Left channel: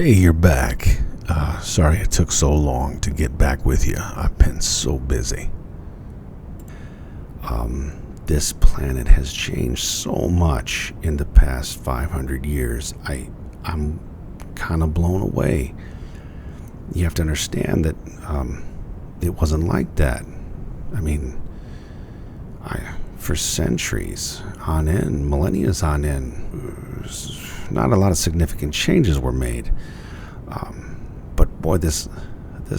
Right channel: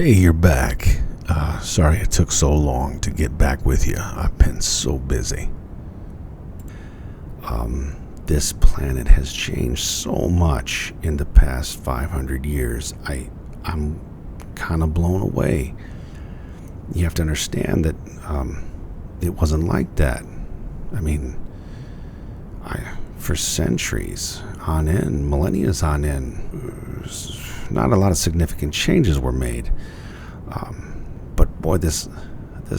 Hey, you're back. Sorry it took so long to get back with you. I've been so busy. This planet has changed so much in the past 500 years. I'm kind of blown away. You have to understand that it wasn't like that. I mean, for centuries on end, millennia on end, not a lot of significant changes were made. But boy, this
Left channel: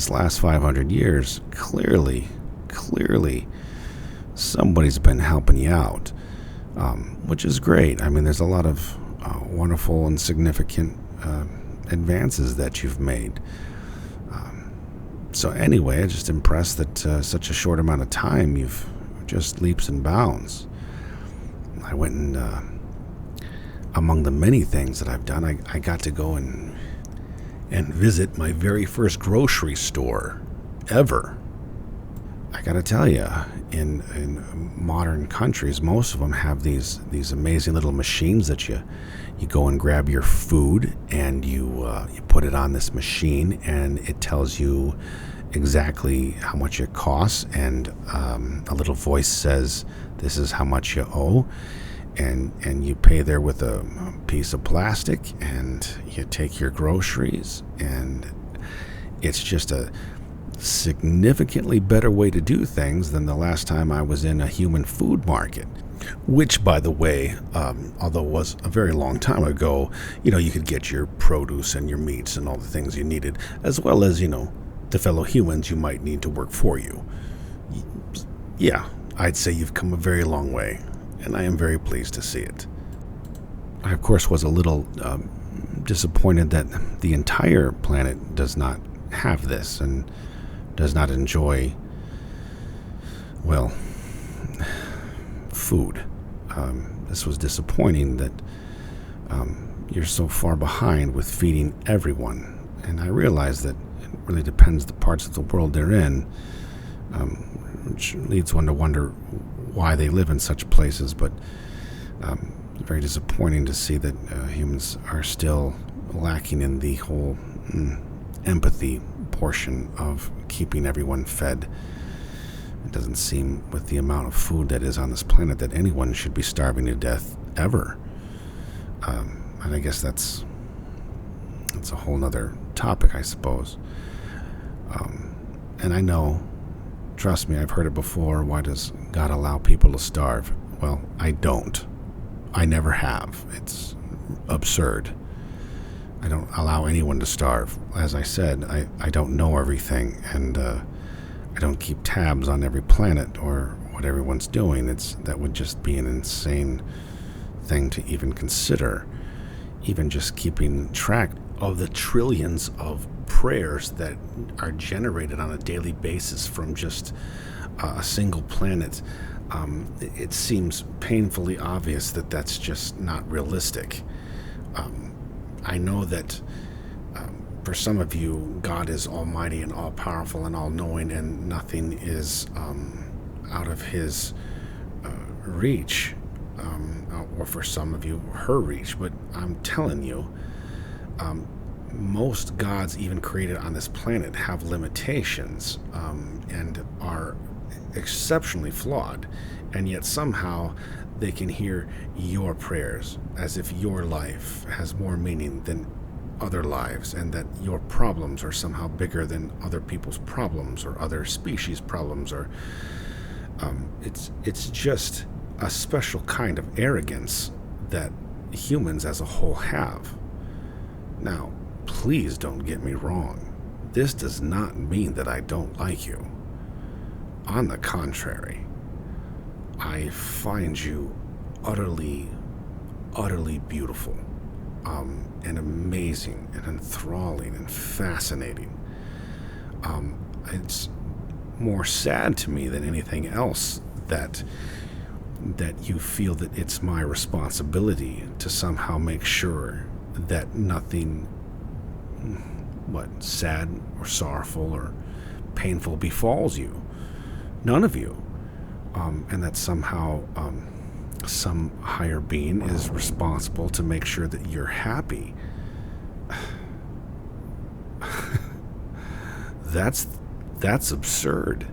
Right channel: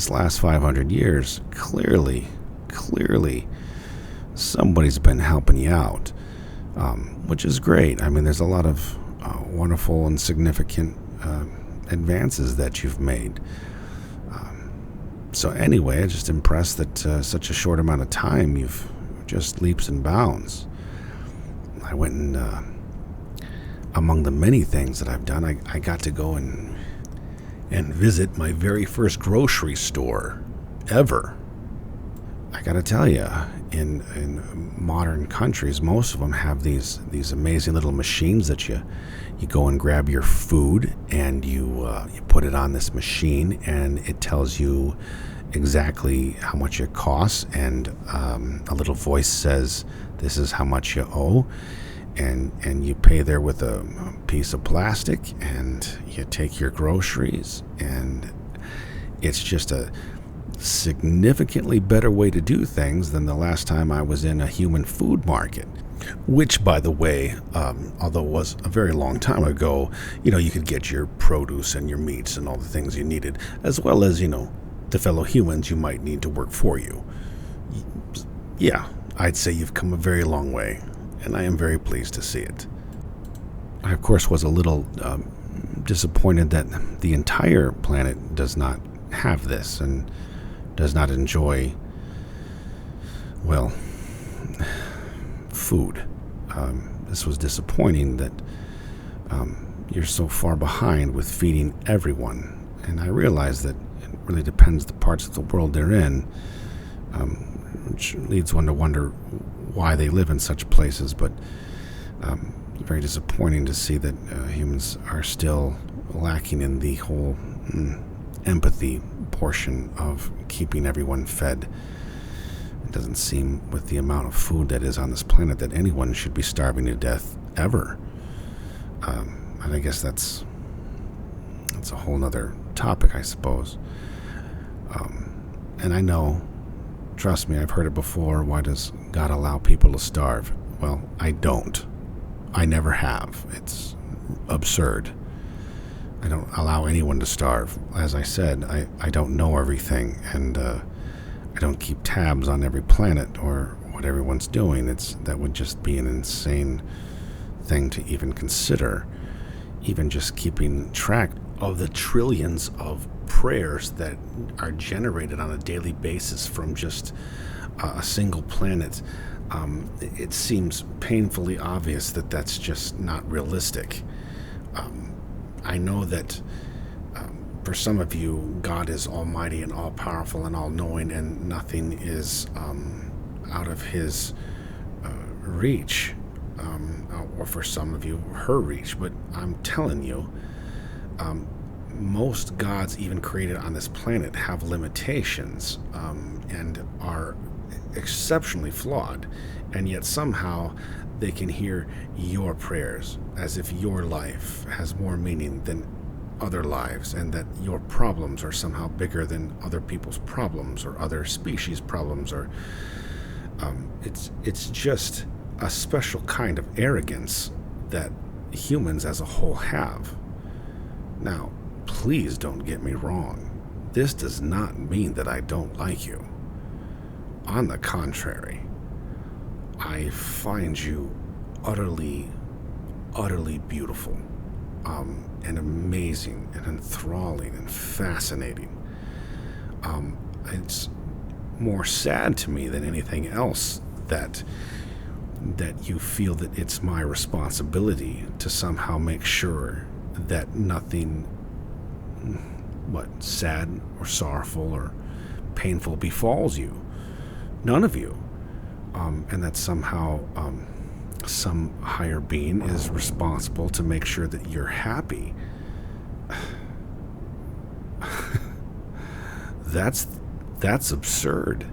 last 500 years, clearly, somebody's been helping you out, which is great. I mean, there's a lot of wonderful and significant advances that you've made. So anyway, I'm just impressed that such a short amount of time, you've just leaps and bounds. I went and among the many things that I've done, I got to go and visit my very first grocery store ever. I gotta tell you, in modern countries, most of them have these amazing little machines that you go and grab your food and you put it on this machine and it tells you exactly how much it costs, and a little voice says, "This is how much you owe." And you pay there with a piece of plastic, and you take your groceries, and it's just a significantly better way to do things than the last time I was in a human food market. Which, by the way, although it was a very long time ago, you could get your produce and your meats and all the things you needed, as well as, the fellow humans you might need to work for you. Yeah, I'd say you've come a very long way, and I am very pleased to see it. I, of course, was a little disappointed that the entire planet does not have this and does not enjoy, well, food. This was disappointing that you're so far behind with feeding everyone. And I realize that it really depends the parts of the world they're in, which leads one to wonder why they live in such places. But very disappointing to see that humans are still lacking in the whole empathy portion of keeping everyone fed. It doesn't seem, with the amount of food that is on this planet, that anyone should be starving to death ever. And I guess that's a whole nother topic, I suppose. And I know, trust me, I've heard it before, why does God allow people to starve? Well, I don't. I never have. It's absurd. I don't allow anyone to starve. As I said, I don't know everything, and I don't keep tabs on every planet or what everyone's doing. That would just be an insane thing to even consider. Even just keeping track of the trillions of prayers that are generated on a daily basis from just a single planet. It seems painfully obvious that that's just not realistic. I know that for some of you, God is almighty and all-powerful and all-knowing, and nothing is out of his reach, or for some of you, her reach. But I'm telling you, most gods even created on this planet have limitations and are exceptionally flawed, and yet somehow they can hear your prayers, as if your life has more meaning than other lives, and that your problems are somehow bigger than other people's problems or other species' problems, or it's just a special kind of arrogance that humans as a whole have. Now, please don't get me wrong. This does not mean that I don't like you. On the contrary, I find you utterly beautiful, and amazing and enthralling and fascinating. It's more sad to me than anything else that you feel that it's my responsibility to somehow make sure that nothing sad or sorrowful or painful befalls you. None of you. And that somehow some higher being is responsible to make sure that you're happy. That's absurd.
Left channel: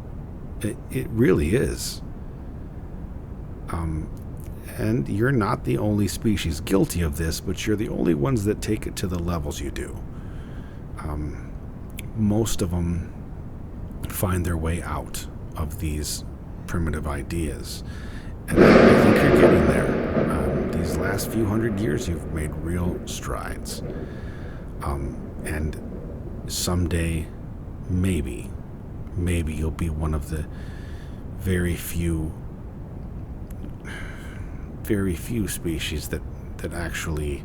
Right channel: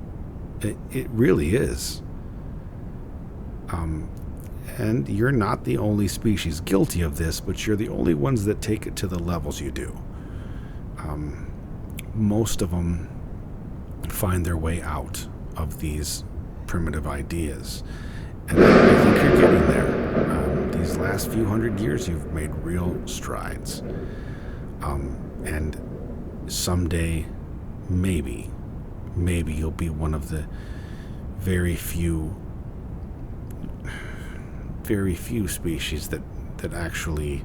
It really is. And you're not the only species guilty of this, but you're the only ones that take it to the levels you do. Most of them find their way out of these primitive ideas. And I think you're getting there. These last few hundred years, you've made real strides. And someday, maybe you'll be one of the very few species that actually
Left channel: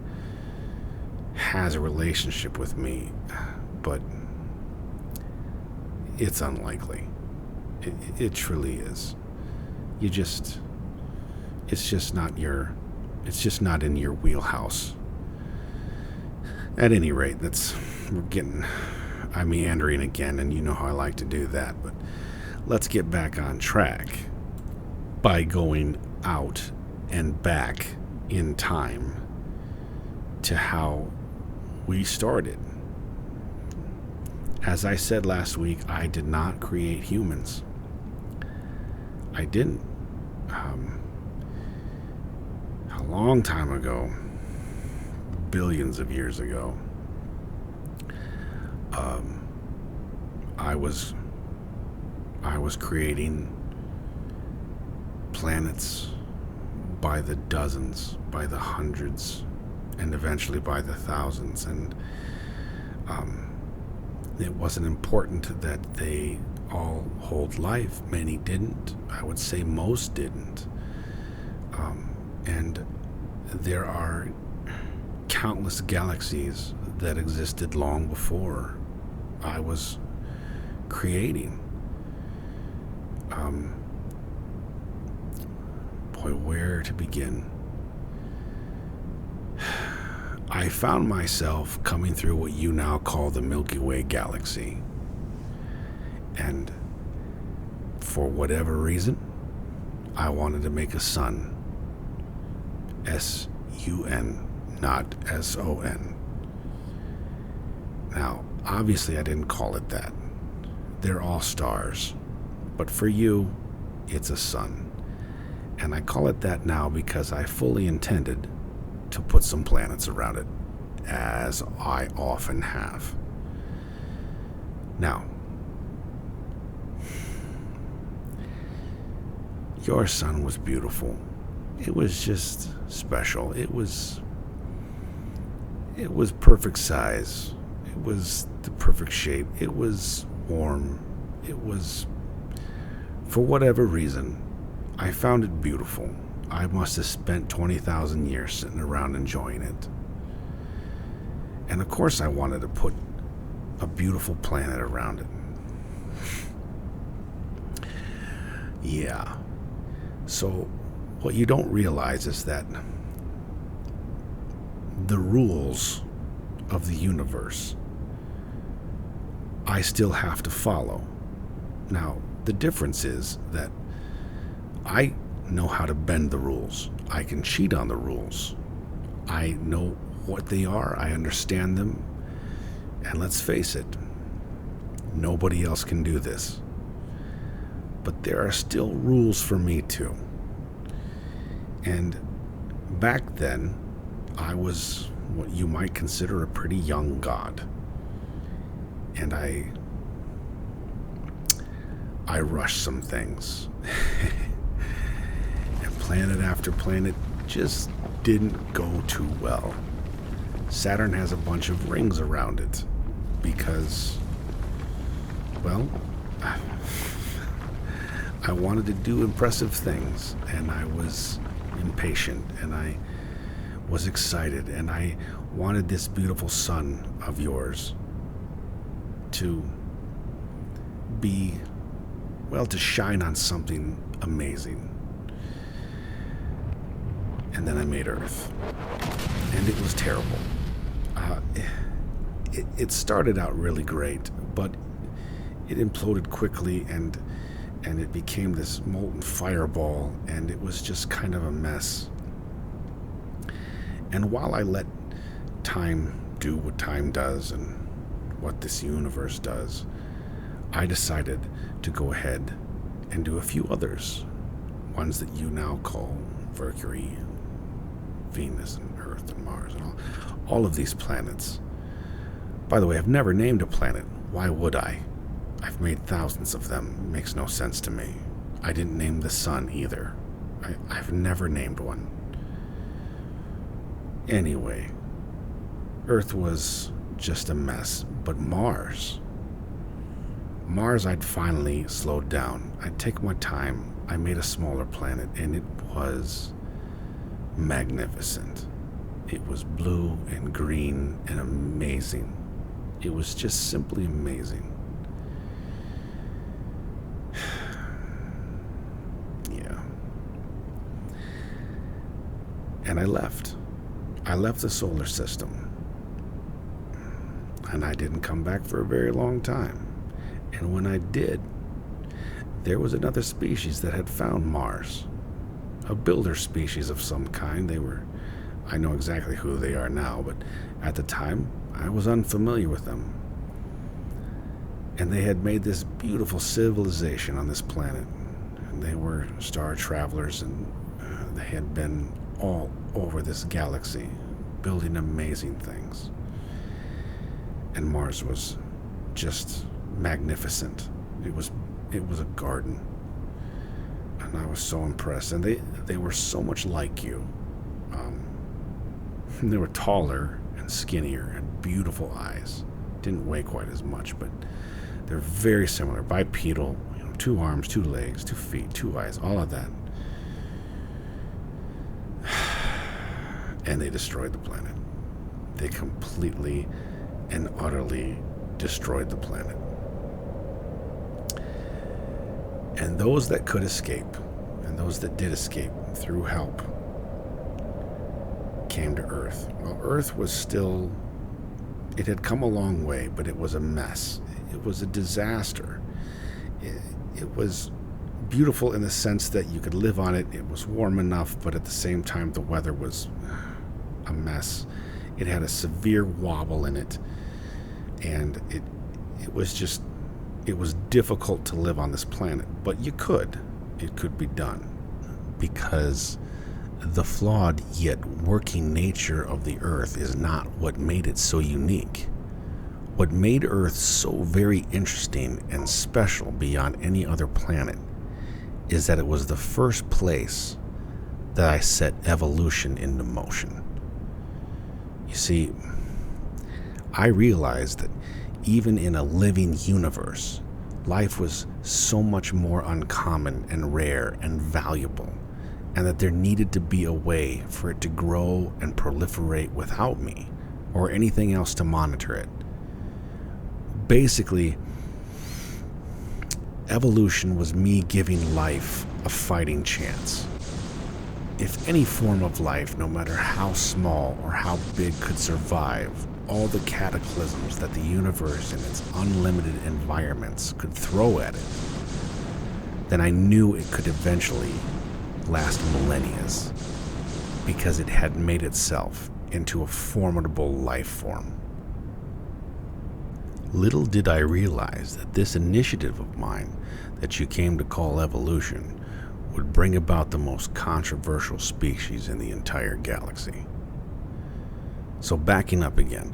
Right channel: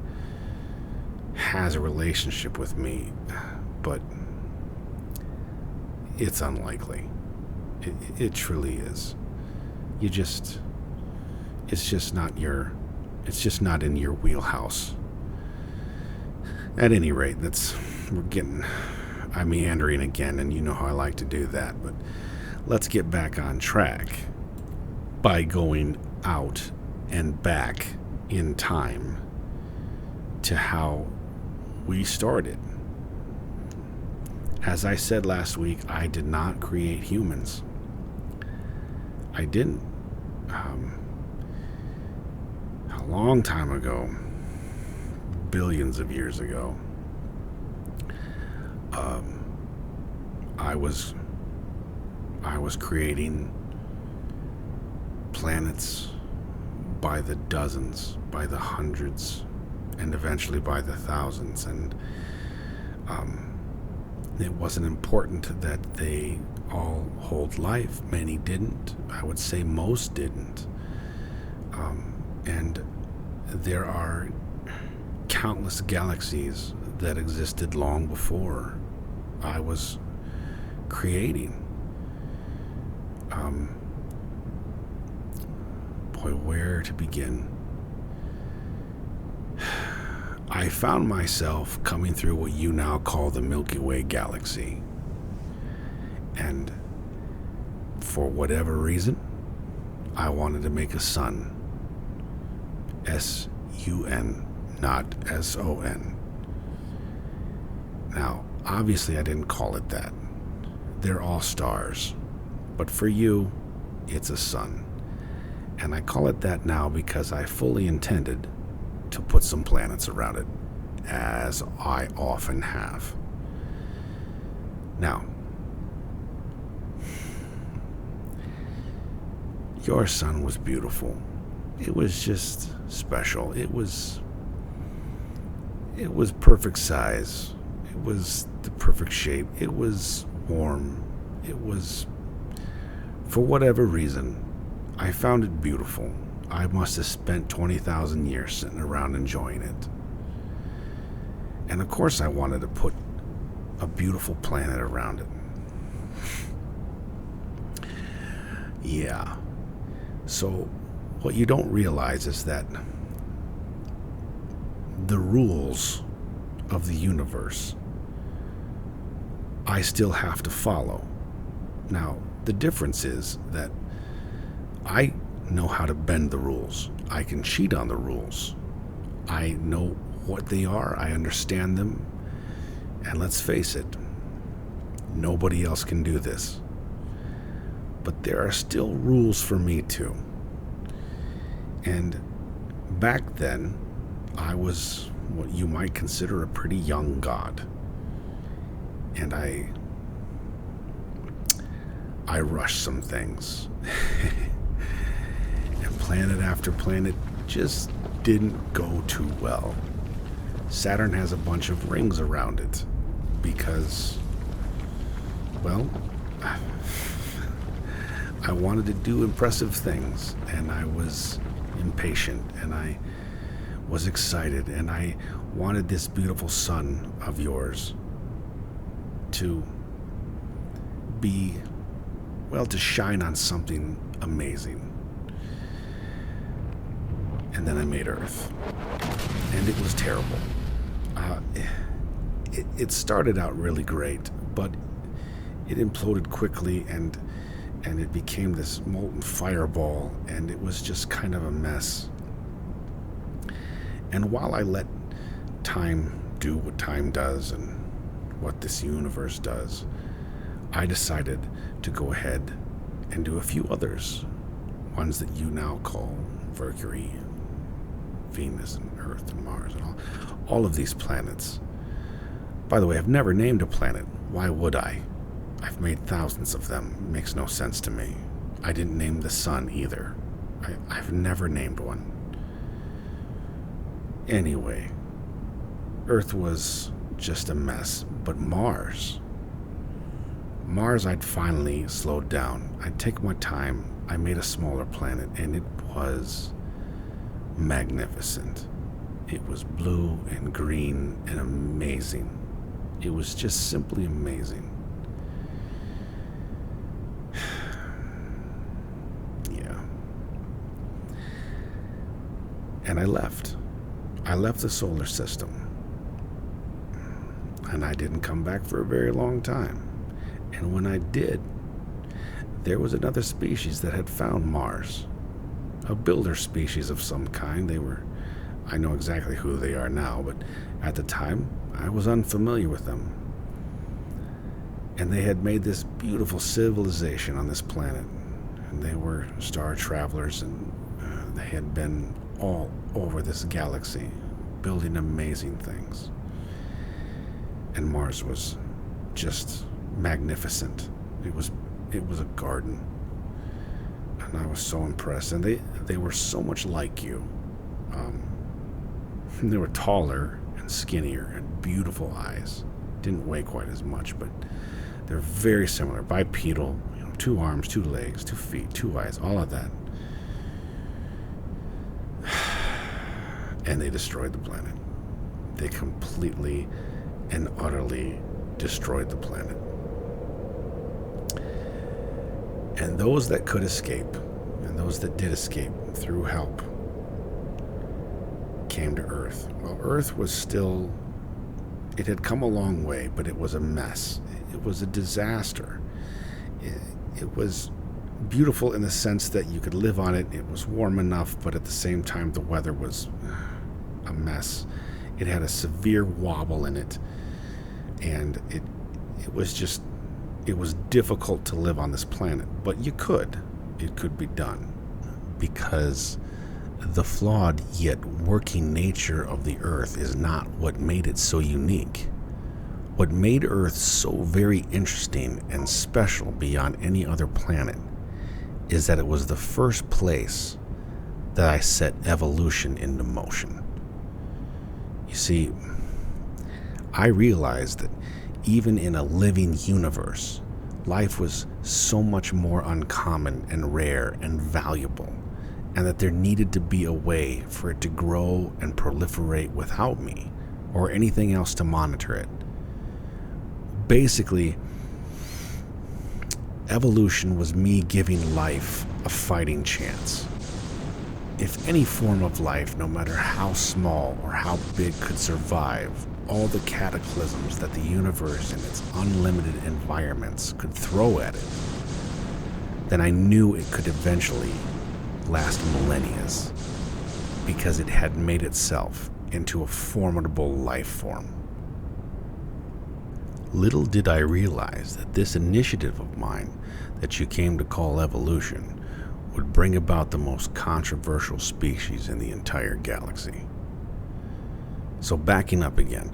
has a relationship with me, but it's unlikely. It truly is. It's just not in your wheelhouse. At any rate, I'm meandering again, and you know how I like to do that, but let's get back on track by going out and back in time to how we started. As I said last week, I did not create humans. I didn't. A long time ago, billions of years ago, I was creating planets by the dozens, by the hundreds, and eventually by the thousands. And it wasn't important that they all hold life. Many didn't. I would say most didn't. And there are countless galaxies that existed long before I was creating. Boy, where to begin? I found myself coming through what you now call the Milky Way galaxy. And for whatever reason, I wanted to make a sun. S-U-N, not S-O-N. Now, obviously I didn't call it that. They're all stars. But for you, it's a sun. And I call it that now because I fully intended to put some planets around it, as I often have. Now, your sun was beautiful. It was just special. It was perfect size. It was the perfect shape. It was warm. It was, for whatever reason, I found it beautiful. I must have spent 20,000 years sitting around enjoying it. And of course I wanted to put a beautiful planet around it. Yeah. So what you don't realize is that the rules of the universe I still have to follow. Now, the difference is that I know how to bend the rules. I can cheat on the rules. I know what they are. I understand them. And let's face it, nobody else can do this. But there are still rules for me too. And back then, I was what you might consider a pretty young god. And I rushed some things. And planet after planet just didn't go too well. Saturn has a bunch of rings around it because, well, I wanted to do impressive things, and I was impatient, and I was excited, and I wanted this beautiful sun of yours to be, well, to shine on something amazing. And then I made Earth, and it was terrible. It started out really great, but it imploded quickly, and it became this molten fireball, and it was just kind of a mess. And while I let time do what time does and what this universe does, I decided to go ahead and do a few others, ones that you now call Mercury, Venus, and Earth, and Mars, and all of these planets. By the way, I've never named a planet. Why would I? I've made thousands of them. It makes no sense to me. I didn't name the sun either. I've never named one. Anyway, Earth was just a mess, but Mars, I'd finally slowed down. I'd take my time. I made a smaller planet, and it was magnificent. It was blue and green and amazing. It was just simply amazing. Yeah. And I left. I left the solar system. And I didn't come back for a very long time. And when I did, there was another species that had found Mars. A builder species of some kind. I know exactly who they are now, but at the time, I was unfamiliar with them. And they had made this beautiful civilization on this planet. And they were star travelers, and they had been all over this galaxy, building amazing things. And Mars was just magnificent. It was a garden. And I was so impressed. And they were so much like you. They were taller and skinnier and beautiful eyes. Didn't weigh quite as much, but they're very similar. Bipedal, 2 arms, 2 legs, 2 feet, 2 eyes, all of that. And they destroyed the planet. They completely and utterly destroyed the planet. And those that could escape, and those that did escape through help, came to Earth. Well, Earth was still, it had come a long way, but it was a mess. It was a disaster. It was beautiful in the sense that you could live on it. It was warm enough, but at the same time, the weather was a mess. It had a severe wobble in it, and it was difficult to live on this planet, but it could be done, because the flawed yet working nature of the Earth is not what made it so unique. What made Earth so very interesting and special beyond any other planet is that it was the first place that I set evolution into motion. You see, I realized that even in a living universe, life was so much more uncommon and rare and valuable, and that there needed to be a way for it to grow and proliferate without me or anything else to monitor it. Basically, evolution was me giving life a fighting chance. If any form of life, no matter how small or how big, could survive all the cataclysms that the universe and its unlimited environments could throw at it, then I knew it could eventually last millennia, because it had made itself into a formidable life form. Little did I realize that this initiative of mine that you came to call evolution would bring about the most controversial species in the entire galaxy. So backing up again,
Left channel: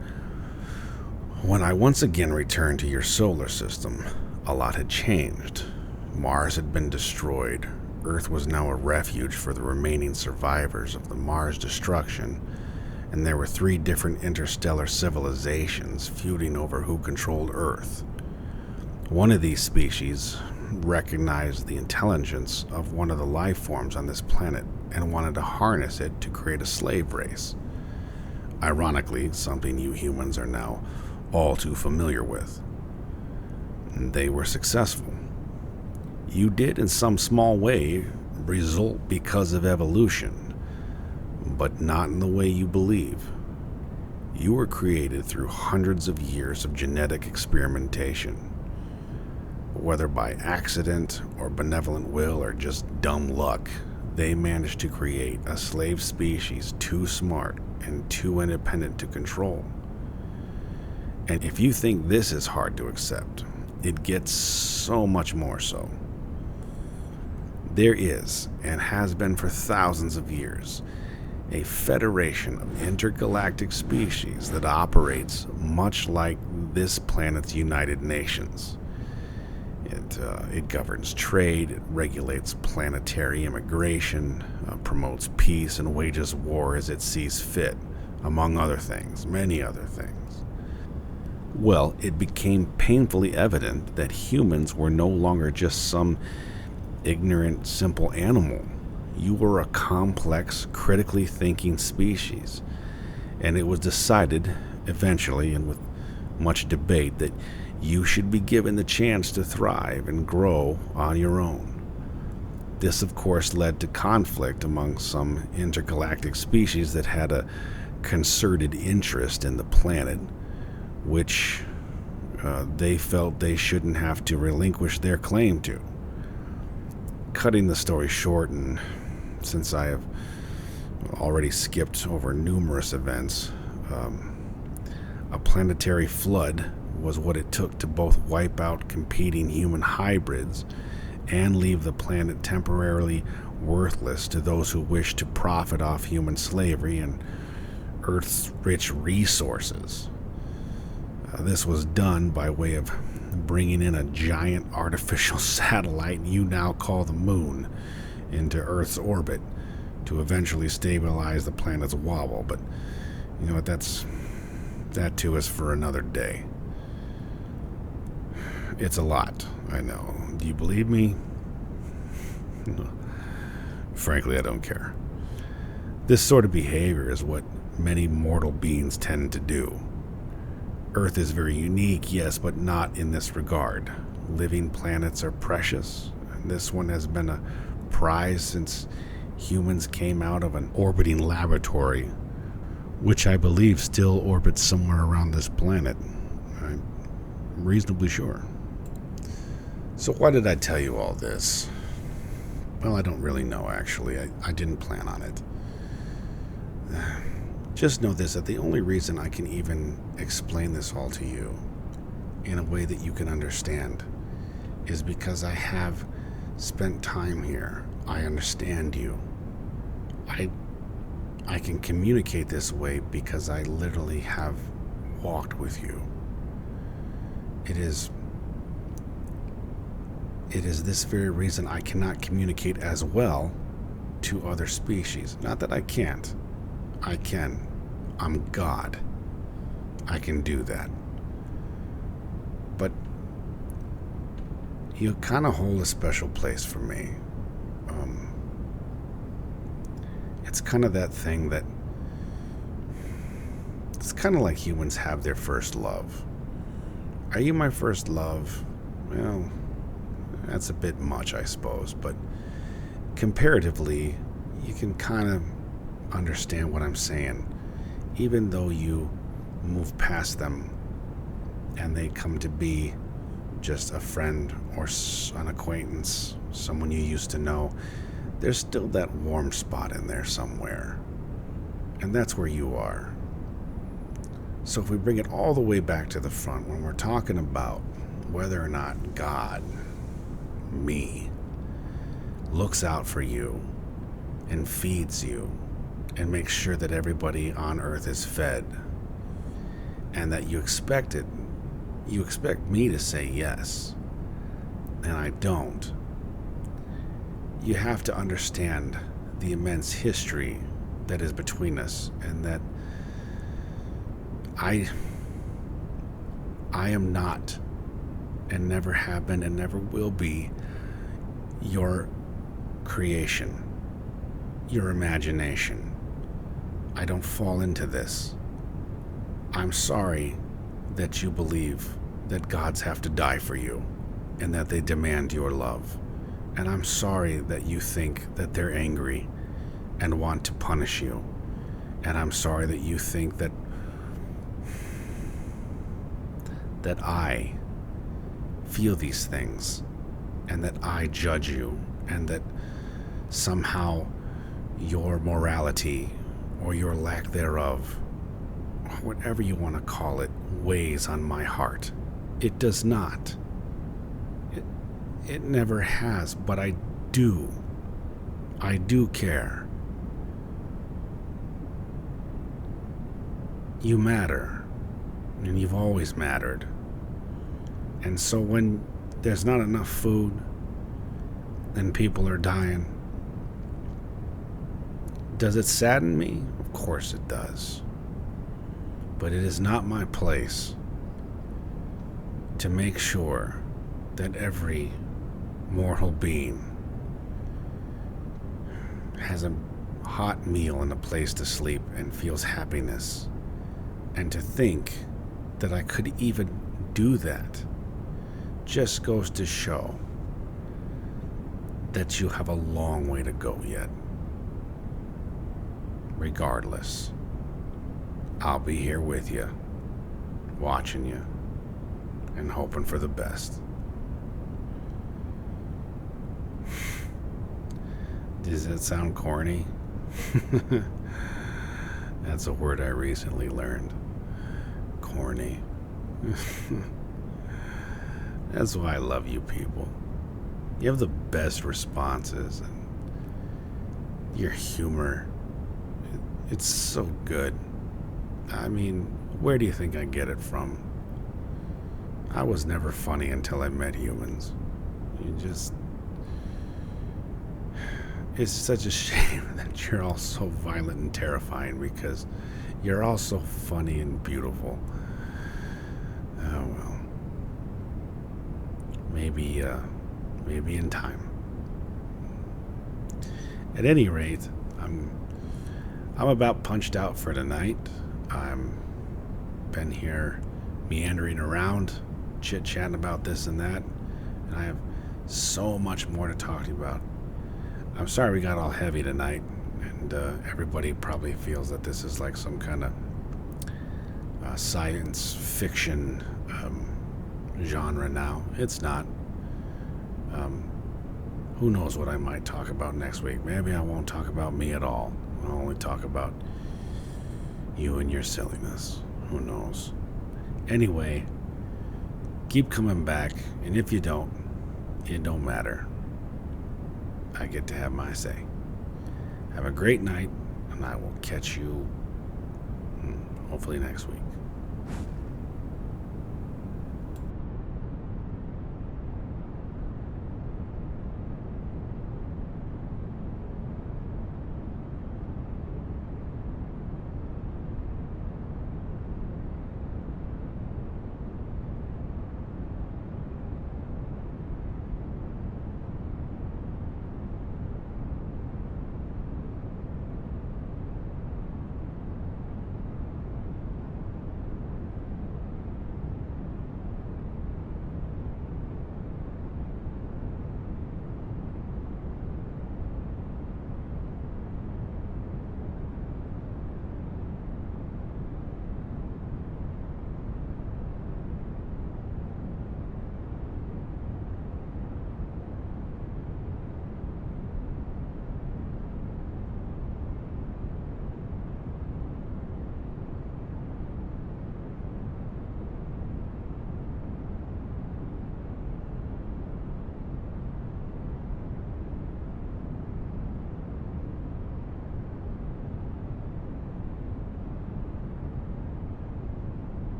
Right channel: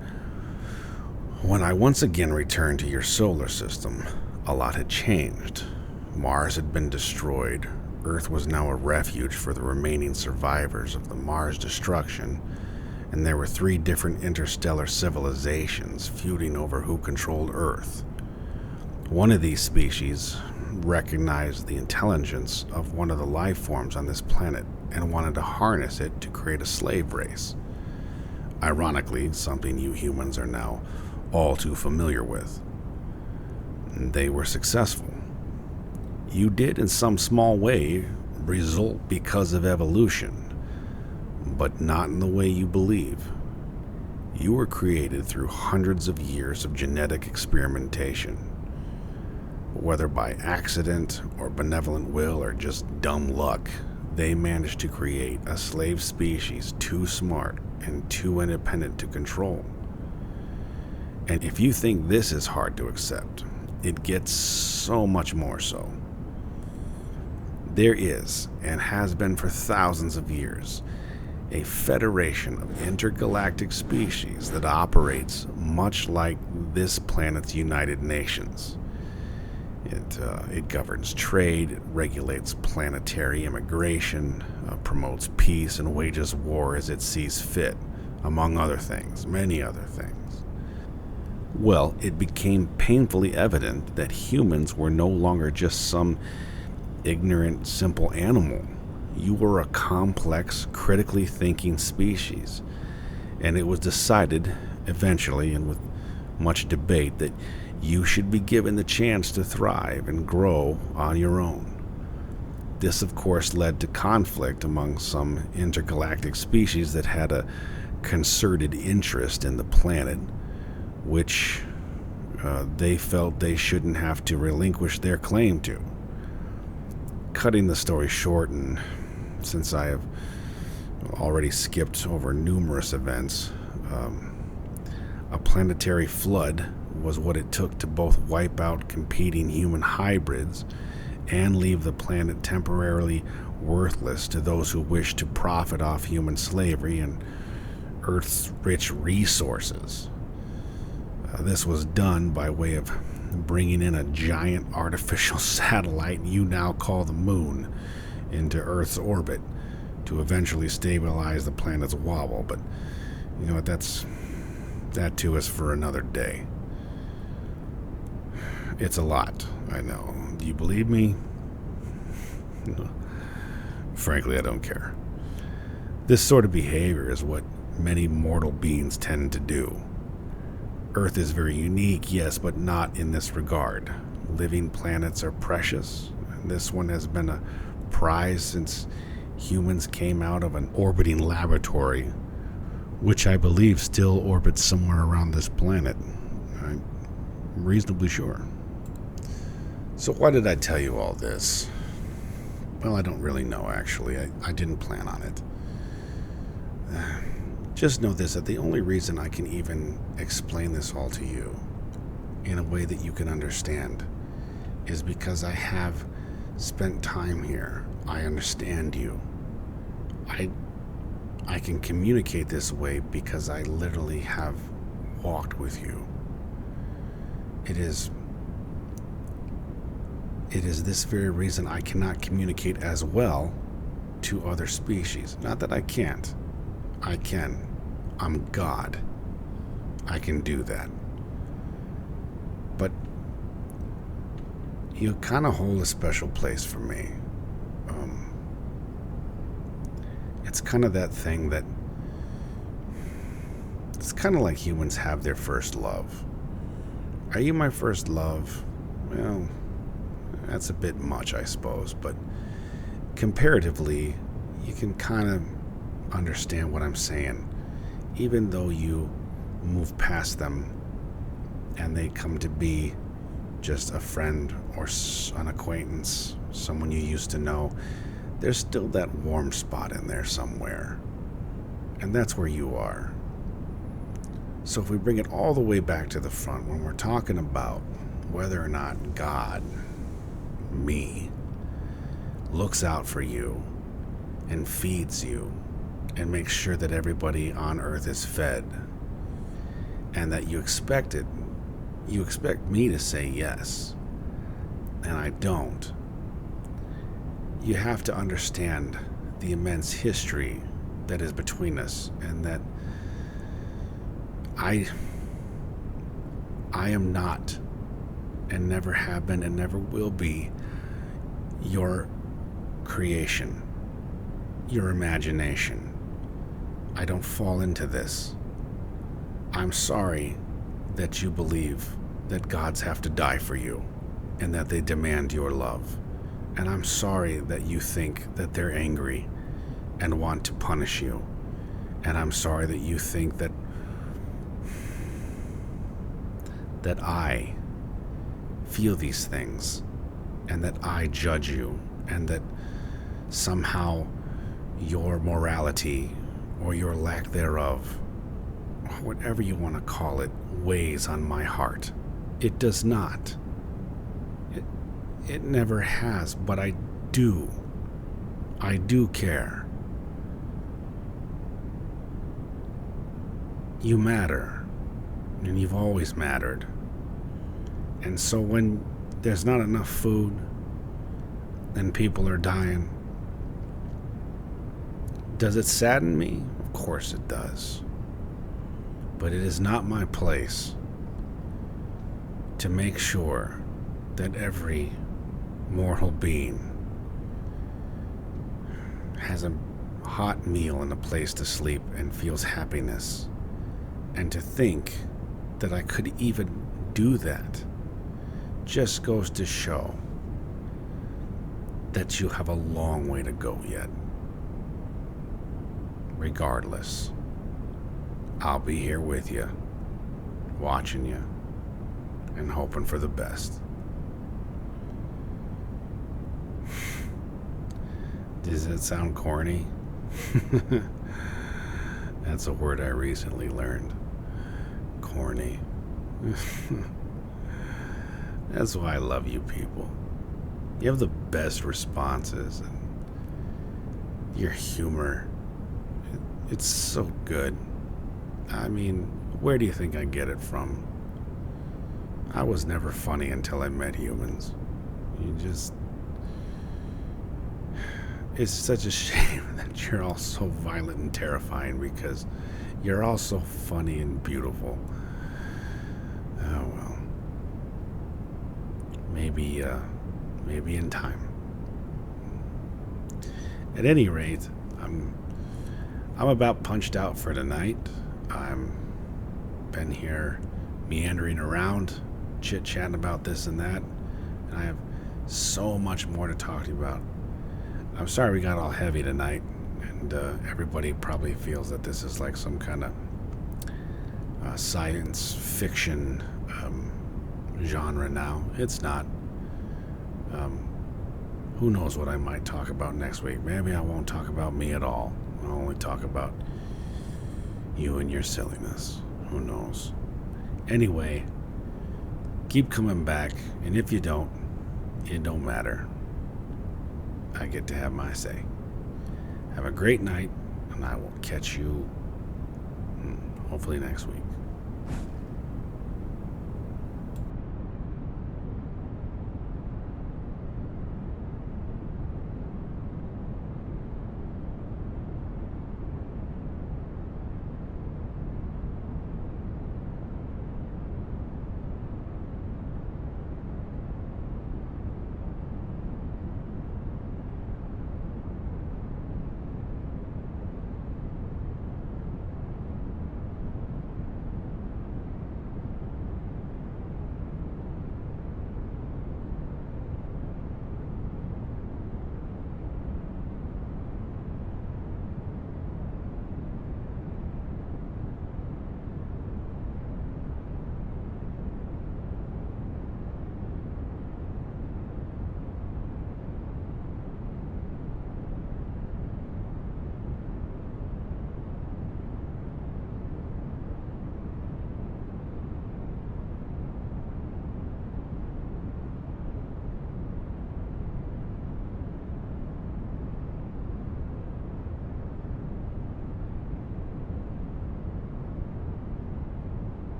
when I once again returned to your solar system, a lot had changed. Mars had been destroyed. Earth was now a refuge for the remaining survivors of the Mars destruction, and there were 3 different interstellar civilizations feuding over who controlled Earth. One of these species recognized the intelligence of one of the life forms on this planet and wanted to harness it to create a slave race. Ironically, something you humans are now all too familiar with. They were successful. You did, in some small way, result because of evolution, but not in the way you believe. You were created through hundreds of years of genetic experimentation. Whether by accident or benevolent will or just dumb luck, they managed to create a slave species too smart and too independent to control. And if you think this is hard to accept, it gets so much more so. There is, and has been for thousands of years, a federation of intergalactic species that operates much like this planet's United Nations. It governs trade, it regulates planetary immigration, promotes peace, and wages war as it sees fit, among other things, many other things. Well, it became painfully evident that humans were no longer just some ignorant, simple animal. You were a complex, critically thinking species, and it was decided, eventually, and with much debate, that you should be given the chance to thrive and grow on your own. This, of course, led to conflict among some intergalactic species that had a concerted interest in the planet, which they felt they shouldn't have to relinquish their claim to. Cutting the story short, and since I have already skipped over numerous events, a planetary flood was what it took to both wipe out competing human hybrids and leave the planet temporarily worthless to those who wished to profit off human slavery and Earth's rich resources. This was done by way of bringing in a giant artificial satellite you now call the Moon into Earth's orbit to eventually stabilize the planet's wobble. But you know what, that too is for another day. It's a lot, I know. Do you believe me? Frankly, I don't care. This sort of behavior is what many mortal beings tend to do. Earth is very unique, yes, but not in this regard. Living planets are precious, and this one has been a prize since humans came out of an orbiting laboratory, which I believe still orbits somewhere around this planet. I'm reasonably sure. So why did I tell you all this? Well, I don't really know, actually. I didn't plan on it. Just know this, that the only reason I can even explain this all to you in a way that you can understand is because I have spent time here. I understand you. I can communicate this way because I literally have walked with you. It is this very reason I cannot communicate as well to other species. Not that I can't. I can. I'm God. I can do that. But you kind of hold a special place for me. It's kind of that thing that it's kind of like humans have their first love. Are you my first love? Well, that's a bit much, I suppose, but comparatively, you can kind of understand what I'm saying, even though you move past them and they come to be just a friend or an acquaintance, someone you used to know. There's still that warm spot in there somewhere, and that's where you are. So if we bring it all the way back to the front, when we're talking about whether or not God, me, looks out for you and feeds you and makes sure that everybody on Earth is fed, and that you expect it, you expect me to say yes, and I don't. You have to understand the immense history that is between us, and that I am not, and never have been, and never will be, your creation, your imagination. I don't fall into this. I'm sorry that you believe that gods have to die for you, and that they demand your love. And I'm sorry that you think that they're angry and want to punish you. And I'm sorry that you think that I feel these things, and that I judge you, and that somehow your morality or your lack thereof, whatever you want to call it, weighs on my heart. It does not. It never has, but I do. I do care. You matter, and you've always mattered. And so when there's not enough food and people are dying, does it sadden me? Of course it does. But it is not my place to make sure that every mortal being has a hot meal and a place to sleep and feels happiness. And to think that I could even do that just goes to show that you have a long way to go yet. Regardless, I'll be here with you, watching you, and hoping for the best. Does that sound corny? That's a word I recently learned. Corny. That's why I love you people. You have the best responses, and your humor, it's so good. I mean, where do you think I get it from? I was never funny until I met humans. It's such a shame that you're all so violent and terrifying, because you're all so funny and beautiful. Oh well. Maybe in time. At any rate, I'm about punched out for tonight. I'm been here meandering around, chit-chatting about this and that, and I have so much more to talk to you about. I'm sorry we got all heavy tonight, and everybody probably feels that this is like some kind of science fiction genre now. It's not. Who knows what I might talk about next week? Maybe I won't talk about me at all. I'll only talk about you and your silliness. Who knows? Anyway, keep coming back, and if you don't, it don't matter. I get to have my say. Have a great night, and I will catch you hopefully next week.